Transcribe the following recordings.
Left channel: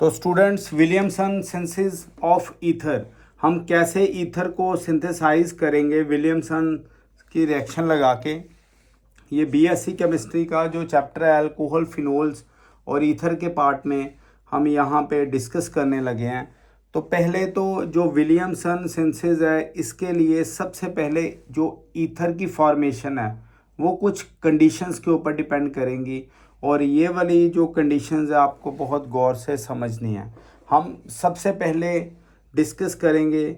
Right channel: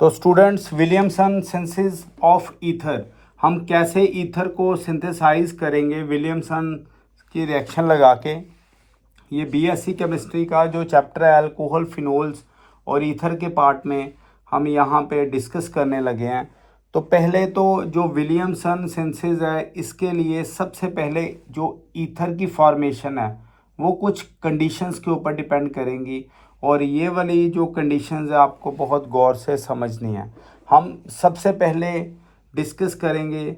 तो students, Williamson synthesis of ether, हम कैसे ईथर को सिंथेसाइज करेंगे विलियमसन की रिएक्शन लगा के। ये बीएससी केमिस्ट्री का जो चैप्टर है अल्कोहल, फिनोल्स और ईथर के पार्ट में हम यहाँ पे डिस्कस करने लगे हैं। तो पहले तो जो विलियमसन सिंथेसिस है, इसके लिए सबसे पहले जो ईथर की फॉर्मेशन है वो कुछ कंडीशंस के ऊपर डिपेंड करेंगी, और ये वाली जो कंडीशंस है आपको बहुत गौर से समझनी है। हम सबसे पहले डिस्कस करेंगे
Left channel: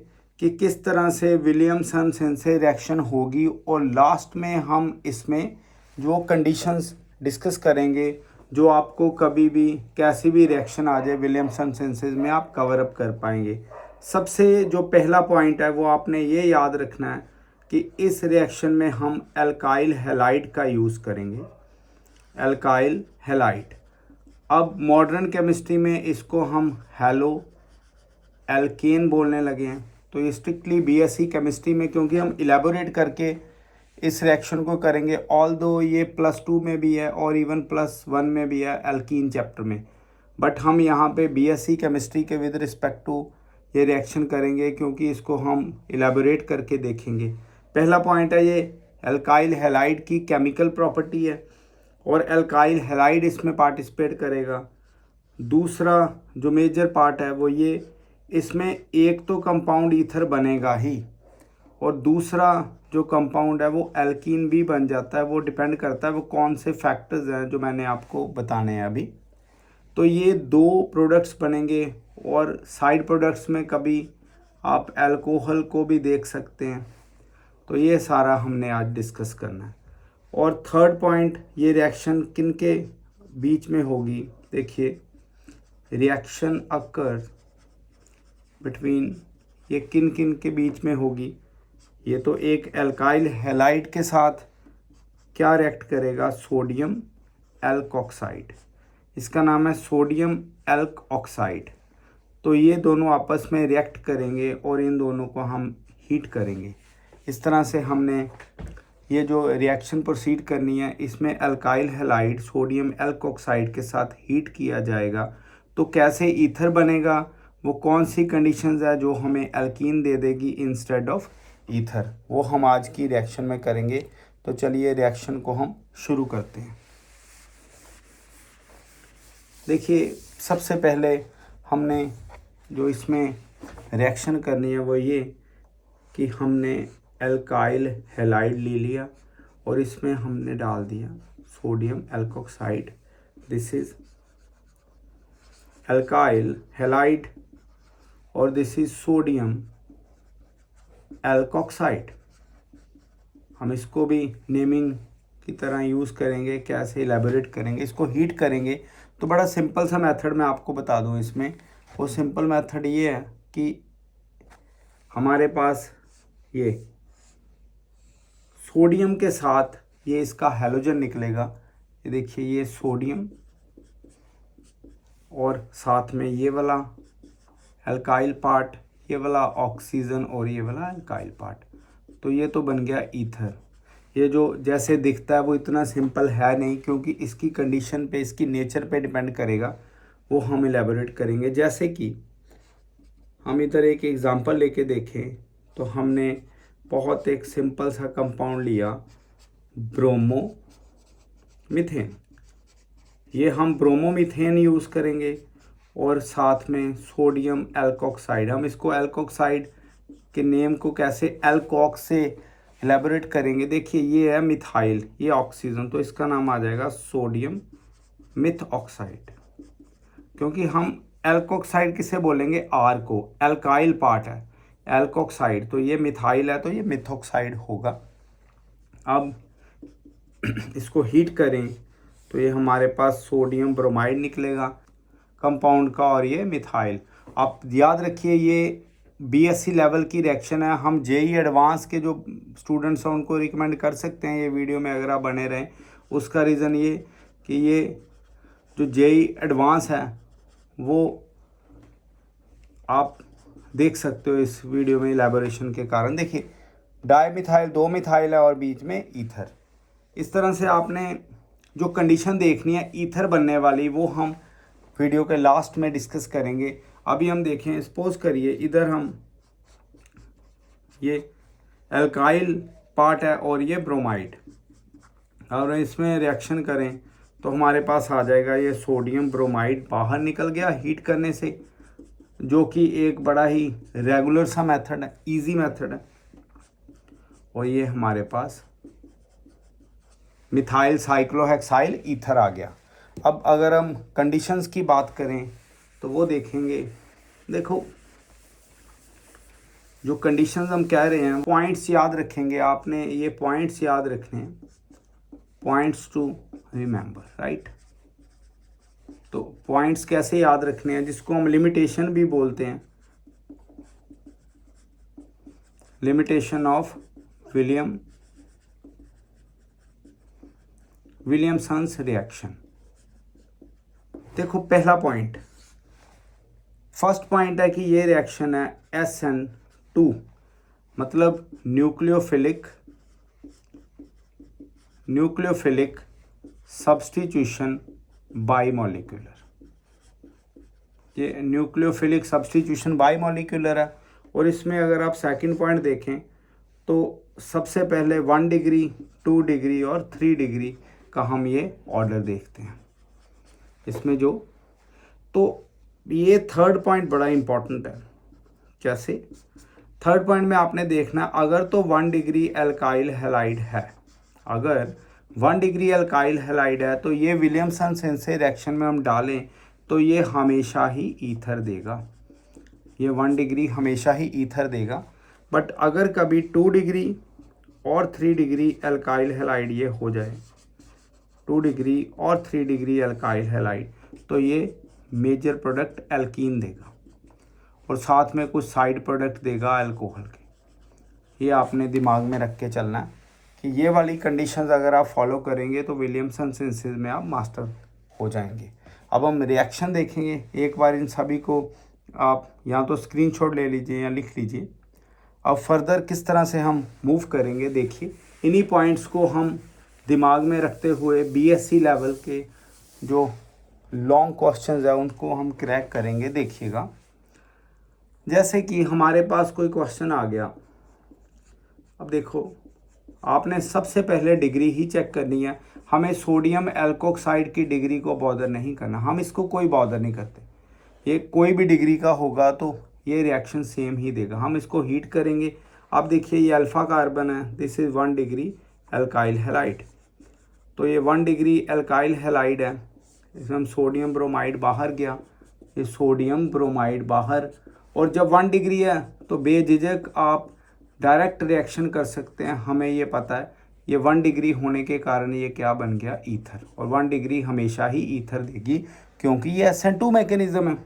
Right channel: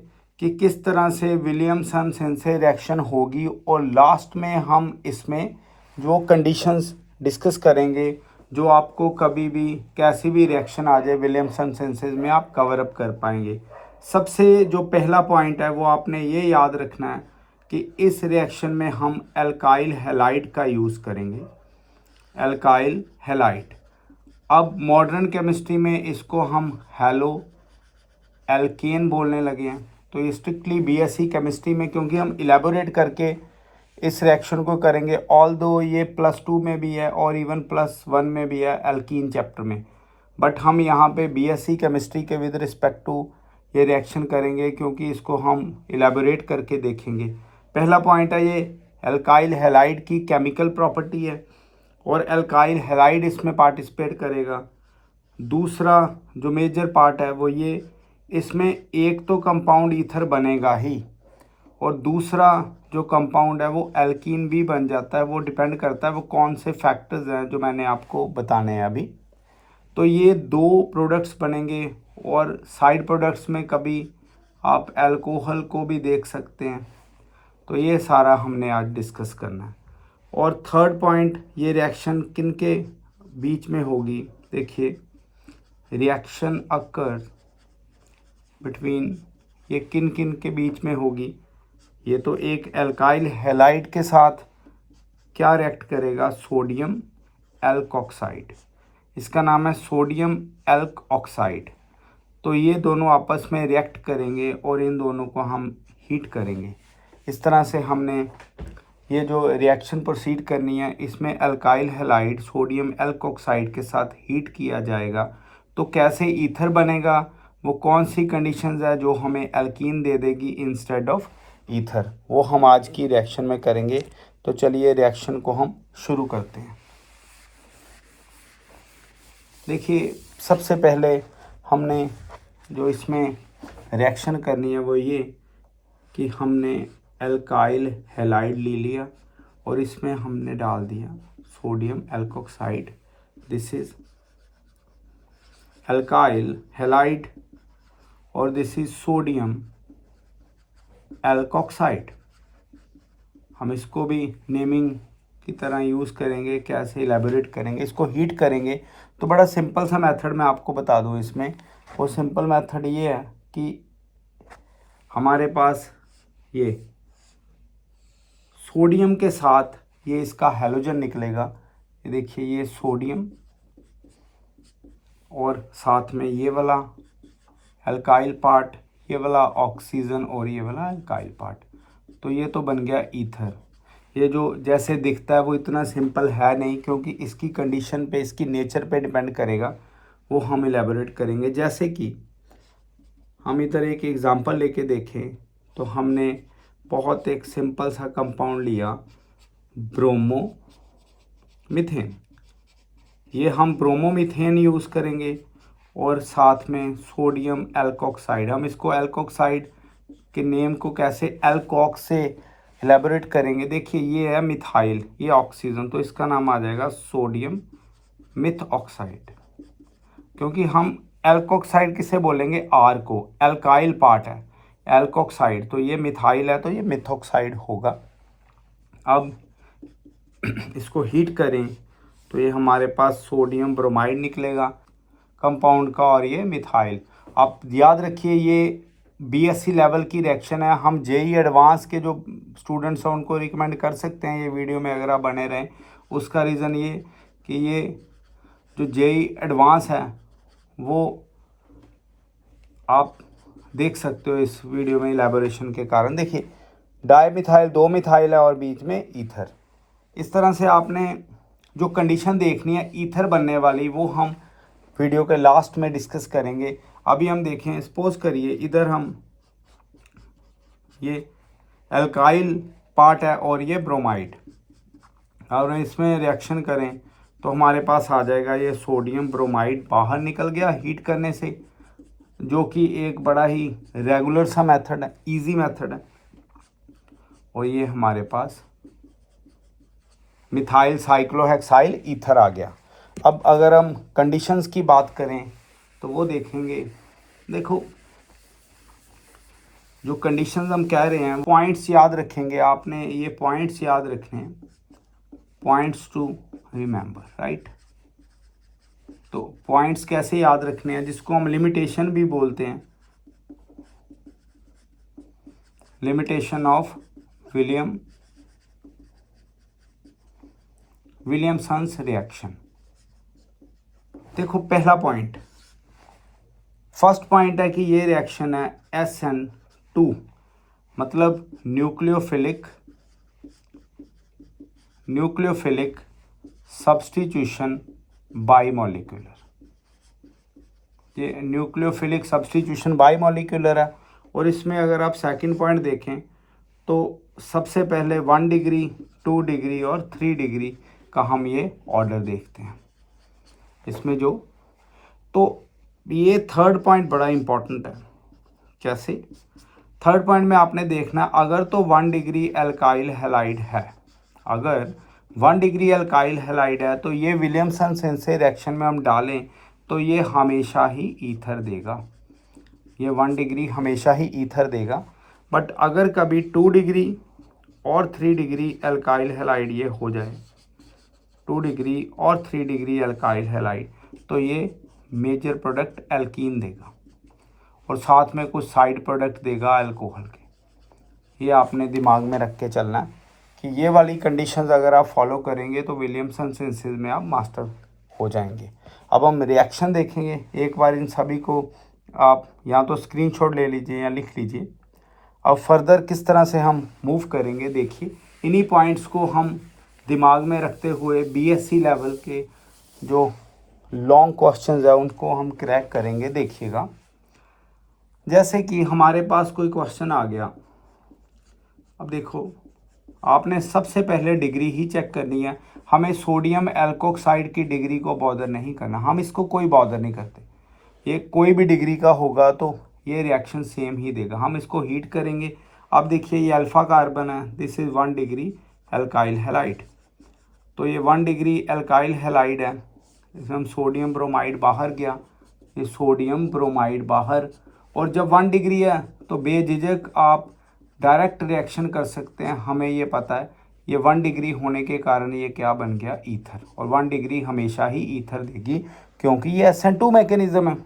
कि किस तरह से विलियमसन सिंथेसिस रिएक्शन होगी, और लास्ट में हम इसमें जो कंडीशंस डिस्कस करेंगे जो आपको कभी भी कैसी भी रिएक्शन आ जाए विलियमसन सिंथेसिस में आप कवर अप कर पाएंगे। सबसे जो पहला पॉइंट है वो आपने ये याद रखना है कि इस रिएक्शन में हम एल्काइल हैलाइड का यूज़ करेंगे, एल्काइल हैलाइड। अब मॉडर्न केमिस्ट्री में इसको हम हैलो एल्केन बोलने लगे हैं। तो ये स्ट्रिक्टली बीएससी केमिस्ट्री में, क्योंकि हम इलेबोरेट करके इस रिएक्शन को करेंगे, ऑल दो ये +2 में भी है और इवन +1 में भी है एल्कीन चैप्टर में, बट हम यहाँ पे बीएससी केमिस्ट्री के विद रिस्पेक्ट टू ये रिएक्शन करेंगे क्योंकि इसको हम इलेबोरेट करके देखेंगे। पहला पॉइंट है ये एल्काइल हैलाइड की केमिकल प्रॉपर्टी है और एल्काइल हैलाइड इसमें पार्टिसिपेट करेगा। दूसरा जो मेजर पार्ट है वो ये, इसमें एक तो कंपाउंड ईथर बनेगा ही, और दूसरा जो कंपाउंड है वो एल्कीन भी बन जाता है। वो डिपेंड करता है वो कौन से फैक्टर्स हैं जो मैंने आपको बताने हैं अभी। तो ये दो प्रोडक्ट्स बनेंगे, और साइड प्रोडक्ट्स में कभी आप अल्कोहल को भी देख सकते हैं। तो ये सारा हमने आज डिस्कस करना है। और थर्ड पॉइंट, ये रिएक्शन किन के बीच में होगी। देखिए, रिएक्शन अकर बिटवीन, ये किन किन के बीच में होगी। ये तो एक एल्काइल हैलाइड के साथ क्या रिएक्ट करेगा, सोडियम एल्कोक्साइड, इसका नाम है सोडियम एल्क ऑक्साइड। तो ये दोनों आपस में रिएक्ट करेंगे और इन दोनों को हम हीट करेंगे। इस तरह से हमने ये जो रिएक्शन प्रोसीड करनी है, इसमें एल्काइल हैलाइड सोडियम एल्कोक्साइड के साथ हीट किया जाएगा। तो कैसे ईथर बनेगा, वो कौन सी कंडीशंस है जो हमें एल्कीन दे देगी इंस्टेड ऑफ ईथर, वो हम आज की रिएक्शन में करेंगे। तो चलिए रिएक्शन को हम शुरू करते हैं। देखिए, सबसे पहले हमने जो इसमें रिएक्शन करनी है वो ये कि हमने एल्काइल हैलाइड ले लिया और इसमें हमने डाल दिया sodium alkoxide. This is alkyl halide और दिस इज सोडियम एल्कोक्साइड। हम इसको भी नेमिंग की तरह यूज़ करेंगे, कैसे इलेबोरेट करेंगे, इसको हीट करेंगे। तो बड़ा सिंपल सा मेथड मैं आपको बता दूं इसमें। वो सिंपल मेथड ये है कि हमारे पास ये सोडियम के साथ ये इसका हैलोजन निकलेगा। ये देखिए, ये सोडियम और साथ में ये वाला एल्काइल पार्ट, ये वाला ऑक्सीजन और ये वाला एल्काइल पार्ट। तो ये तो बन गया ईथर। ये जो जैसे दिखता है वो इतना सिंपल है नहीं, क्योंकि इसकी कंडीशन पे, इसकी नेचर पे डिपेंड करेगा, वो हम इलेबोरेट करेंगे। जैसे कि हम इधर एक एग्जांपल लेके देखें तो हमने बहुत एक सिंपल सा कंपाउंड लिया, ब्रोमो मीथेन। ये हम ब्रोमोमीथेन यूज़ करेंगे और साथ में सोडियम एल्कोक्साइड। हम इसको एल्कोक्साइड के नेम को कैसे एल्कोक से एलेबोरेट करेंगे। देखिए, ये है मिथाइल, ये ऑक्सीजन, तो इसका नाम आ जाएगा सोडियम मिथ ऑक्साइड। क्योंकि हम एल्कोक्साइड किसे बोलेंगे, आर को, एल्काइल पार्ट है एल्कोक्साइड, तो ये मिथाइल है तो ये मिथॉक्साइड होगा। अब इसको हीट करें तो ये हमारे पास सोडियम ब्रोमाइड निकलेगा कंपाउंड का, और ये मिथाइल। आप याद रखिए, ये बीएससी लेवल की रिएक्शन है। हम जेई एडवांस के जो स्टूडेंट्स हैं उनको रिकमेंड कर सकते हैं ये वीडियो में अगर आप बने रहें। उसका रीज़न ये कि ये जो जेई एडवांस है वो आप देख सकते हो इस वीडियो में इलेबोरेशन के कारण। देखिए, डाई मिथाइल, 2 मिथाइल है और बीच में ईथर। इस तरह से आपने जो कंडीशन देखनी है ईथर बनने वाली, वो हम वीडियो के लास्ट में डिस्कस करेंगे। अभी हम देखें, सपोज करिए इधर हम ये एल्काइल पार्ट है और ये ब्रोमाइड, और इसमें रिएक्शन करें तो हमारे पास आ जाएगा ये सोडियम ब्रोमाइड बाहर निकल गया हीट करने से, जो कि एक बड़ा ही रेगुलर सा मेथड है, इजी मेथड है। और ये हमारे पास मिथाइल साइक्लोहेक्साइल ईथर आ गया। अब अगर हम कंडीशंस की बात करें तो वो देखेंगे। देखो जो कंडीशंस हम कह रहे हैं, पॉइंट्स याद रखेंगे आपने, ये पॉइंट्स याद रखने हैं, पॉइंट्स टू रिमेंबर, राइट। तो पॉइंट्स कैसे याद रखने हैं, जिसको हम लिमिटेशन भी बोलते हैं, लिमिटेशन ऑफ विलियमसन्स रिएक्शन। देखो पहला पॉइंट, फर्स्ट पॉइंट है कि ये रिएक्शन है SN2, मतलब न्यूक्लियोफिलिक सब्स्टिट्यूशन बाईमॉलिक्यूलर। ये न्यूक्लियोफिलिक सब्स्टिट्यूशन बाईमॉलिक्यूलर है। और इसमें अगर आप सेकंड पॉइंट देखें तो सबसे पहले 1 डिग्री, 2 डिग्री और 3 डिग्री का हम ये ऑर्डर देखते हैं इसमें जो। तो ये थर्ड पॉइंट बड़ा इंपॉर्टेंट है। कैसे? थर्ड पॉइंट में आपने देखना, अगर तो 1 डिग्री एल्काइल हैलाइड है, अगर 1 डिग्री एल्काइल हैलाइड है तो ये विलियमसन सेंसे रिएक्शन में हम डालें तो ये हमेशा ही ईथर देगा, ये 1 डिग्री हमेशा ही ईथर देगा। बट अगर कभी 2 डिग्री और 3 डिग्री एल्काइल हैलाइड ये हो जाए, 2 डिग्री और 3 डिग्री एल्काइल हैलाइड, तो ये मेजर प्रोडक्ट एल्कीन देगा और साथ में कुछ साइड प्रोडक्ट देगा अल्कोहल के। ये आपने दिमाग में रख के चलना है कि ये वाली कंडीशंस अगर आप फॉलो करेंगे तो विलियमसन सेंसेस में आप मास्टर हो जाएंगे। अब हम रिएक्शन देखेंगे। एक बार इन सभी को आप या तो स्क्रीनशॉट ले लीजिए या लिख लीजिए। अब फर्दर किस तरह से हम मूव करेंगे, देखिए इन्हीं पॉइंट्स को हम दिमाग में रखते हुए BSc लेवल के जो लॉन्ग क्वेश्चंस है उनको हम क्रैक करेंगे। देखिएगा, जैसे कि हमारे पास कोई क्वेश्चन आ गया। अब देखो, आपने सबसे पहले डिग्री ही चेक करनी है। हमें सोडियम एल्कोक्साइड की डिग्री को बॉदर नहीं करना, हम इसको कोई बॉदर नहीं करते। ये कोई भी डिग्री का होगा तो ये रिएक्शन सेम ही देगा। हम इसको हीट करेंगे। अब देखिए ये अल्फ़ा कार्बन है, this is 1 degree alkyl halide. तो ये 1 डिग्री एल्काइल हैलाइड है, इसमें हम सोडियम ब्रोमाइड बाहर गया, ये सोडियम ब्रोमाइड बाहर। और जब 1 डिग्री है तो बेझिझक आप डायरेक्ट रिएक्शन कर सकते हैं। हमें ये पता है ये 1 डिग्री होने के कारण ये क्या बन गया, ईथर। और 1 डिग्री हमेशा ही ईथर देगी क्योंकि ये SN2 मैकेनिज्म है।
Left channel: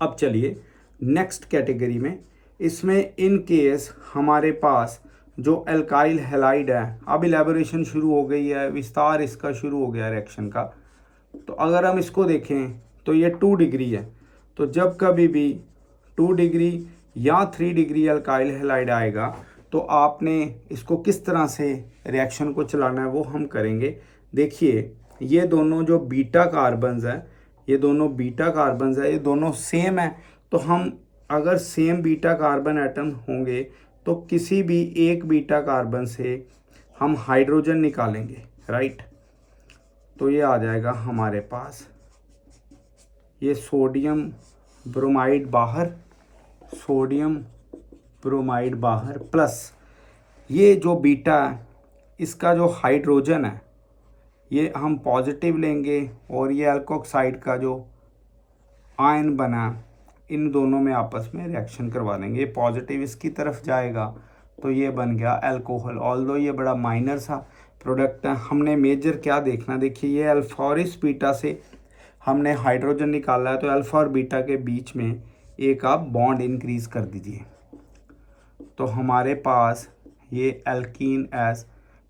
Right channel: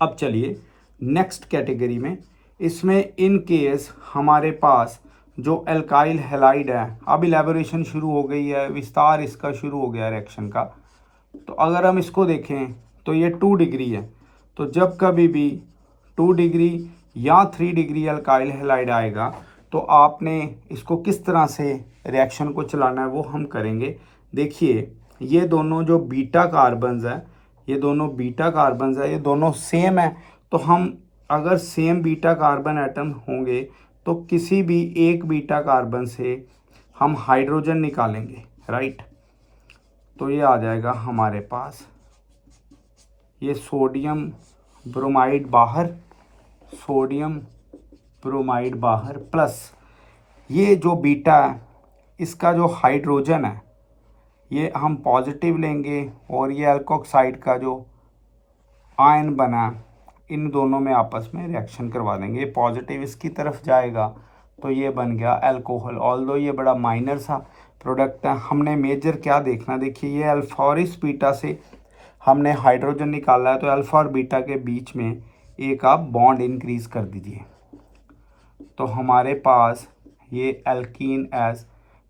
अब चलिए नेक्स्ट कैटेगरी में, इसमें इन केस हमारे पास जो एल्काइल हैलाइड है, अब इलेबोरेशन शुरू हो गई है, विस्तार इसका शुरू हो गया रिएक्शन का। तो अगर हम इसको देखें तो ये 2 डिग्री है। तो जब कभी भी 2 डिग्री या 3 डिग्री एल्काइल हैलाइड आएगा तो आपने इसको किस तरह से रिएक्शन को चलाना है वो हम करेंगे। देखिए ये दोनों जो बीटा कार्बन्स है, ये दोनों बीटा कार्बन्स है, ये दोनों सेम है। तो हम अगर सेम बीटा कार्बन एटम होंगे तो किसी भी एक बीटा कार्बन से हम हाइड्रोजन निकालेंगे, राइट। तो ये आ जाएगा हमारे पास, ये सोडियम ब्रोमाइड बाहर, सोडियम ब्रोमाइड बाहर, प्लस ये जो बीटा है इसका जो हाइड्रोजन है ये हम पॉजिटिव लेंगे और ये अल्कोक्साइड का जो आयन बना इन दोनों में आपस में रिएक्शन करवा देंगे। ये पॉजिटिव इसकी तरफ जाएगा तो ये बन गया अल्कोहल। ऑल्दो ये बड़ा माइनर सा प्रोडक्ट है, हमने मेजर क्या देखना, देखिए ये अल्फा और इस बीटा से हमने हाइड्रोजन निकाला है तो अल्फा और बीटा के बीच में एक आप बॉन्ड इंक्रीज कर दीजिए। तो हमारे पास ये एल्कीन एज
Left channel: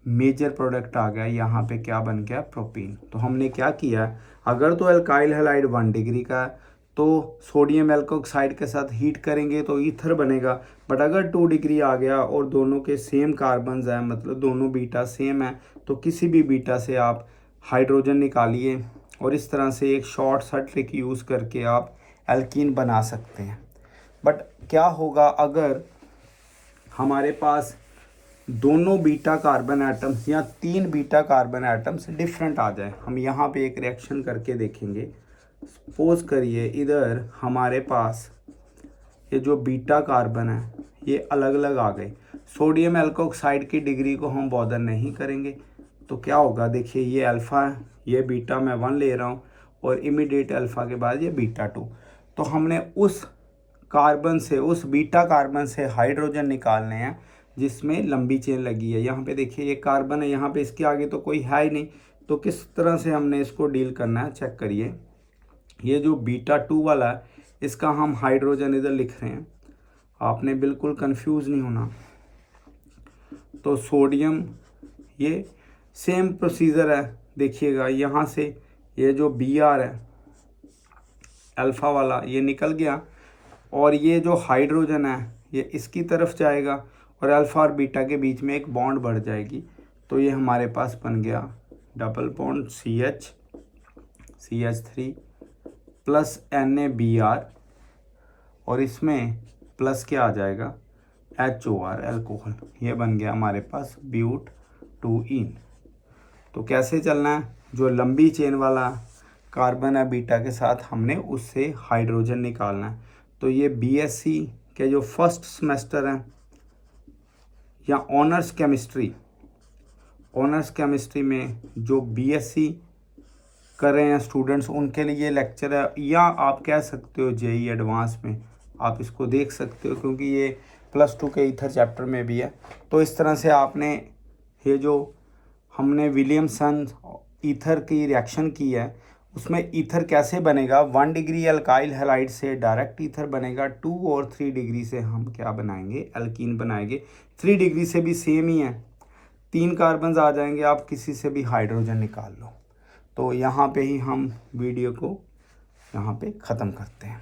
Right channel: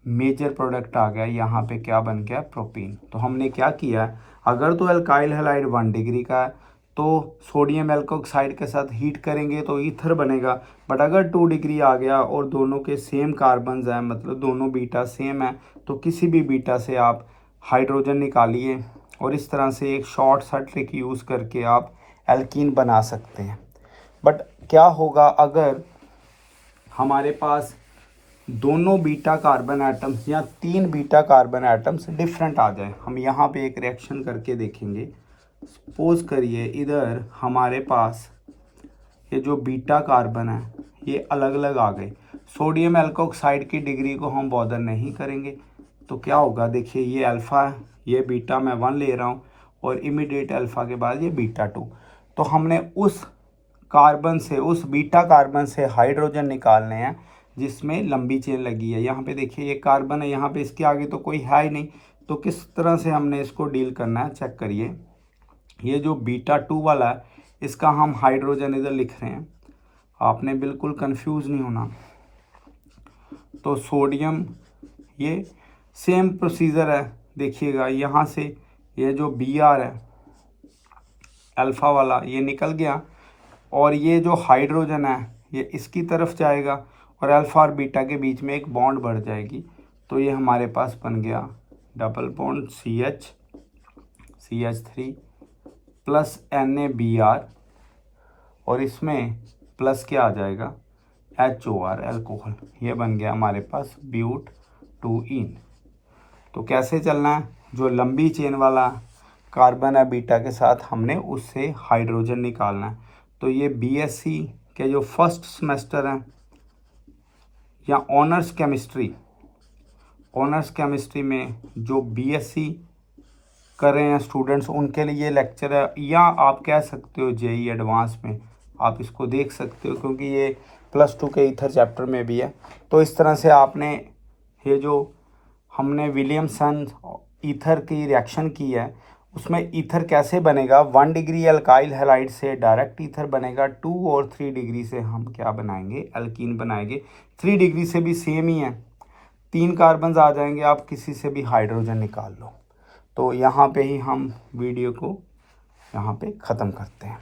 मेजर प्रोडक्ट आ गया। यहाँ पे क्या बन गया, प्रोपीन। तो हमने क्या किया, अगर तो एल्काइल हैलाइड 1 डिग्री का है तो सोडियम एल्कोक्साइड के साथ हीट करेंगे तो ईथर बनेगा। बट अगर 2 डिग्री आ गया और दोनों के सेम कार्बन्स हैं, मतलब दोनों बीटा सेम है, तो किसी भी बीटा से आप हाइड्रोजन निकालिए और इस तरह से एक शॉर्ट सा ट्रिक यूज़ करके आप एल्कीन बना सकते हैं। बट क्या होगा अगर हमारे पास दोनों बीटा कार्बन एटम्स या 3 बीटा कार्बन एटम्स डिफरेंट आ जाए। हम यहाँ पे एक रिएक्शन करके देखेंगे। सपोज करिए इधर हमारे पास ये जो बीटा कार्बन है ये अलग अलग आ गए। सोडियम एल्कोक्साइड की डिग्री को हम बॉदर नहीं करेंगे। तो क्या होगा, देखिए ये अल्फ़ा है, ये बीटा मैं 1 ले रहा हूँ और इमीडिएट अल्फ़ा के बाद ये बीटा 2। तो हमने उस कार्बन से, उस बीटा कार्बन से हाइड्रोजन निकालने हैं जिसमें लंबी चेन लगी है। यहाँ पे देखिए ये कार्बन है, यहाँ पे इसके आगे तो कोई है ही नहीं। तो किस तरह से हमने इसको डील करना है, चेक करिए। ये जो बीटा 2 वाला है इसका हम हाइड्रोजन इधर लिख रहे हैं, आपने बिल्कुल कंफ्यूज नहीं होना। तो सोडियम, ये सेम प्रोसीजर है, देखिएगा यहाँ से ये जो Br है अल्फ़ा वाला ये निकल गया और ये जो हाइड्रोजन है ये इसकी तरफ जाएगा और अल्फ़ा और बीटा के बीच में एक बॉन्ड बढ़ जाएगी। तो ये हमारे पास बन गया double bond CH3 plus NaBr और इसमें प्लस क्या आ जाएगा HOR अल्कोहल। ये बन गया हमारे पास ब्यूट-2-ईन। तो कैसे चलना है, जो लंबी चेन वाला कार्बन है बीटा के साथ हमने उससे हाइड्रोजन निकालना है। तो ये BSc के जो फर्स्ट सेमेस्टर हैं या ऑनर्स केमिस्ट्री में जो BSc कर रहे हैं स्टूडेंट्स उनके लिए ये लेक्चर है, या आप कह सकते हो JEE एडवांस में आप इसको देख सकते हो क्योंकि ये +2 के ईथर चैप्टर में भी है। तो इस तरह से आपने ये जो हमने विलियमसन ईथर की रिएक्शन की है उसमें ईथर कैसे बनेगा, 1 डिग्री अल्काइल हैलाइड से डायरेक्ट ईथर बनेगा, 2 और 3 डिग्री से हम क्या बनाएंगे, एल्कीन बनाएंगे। 3 डिग्री से भी सेम ही है, 3 कार्बन आ जाएंगे, आप किसी से भी हाइड्रोजन निकाल लो। तो यहाँ पे ही हम वीडियो को यहाँ पे ख़त्म करते हैं।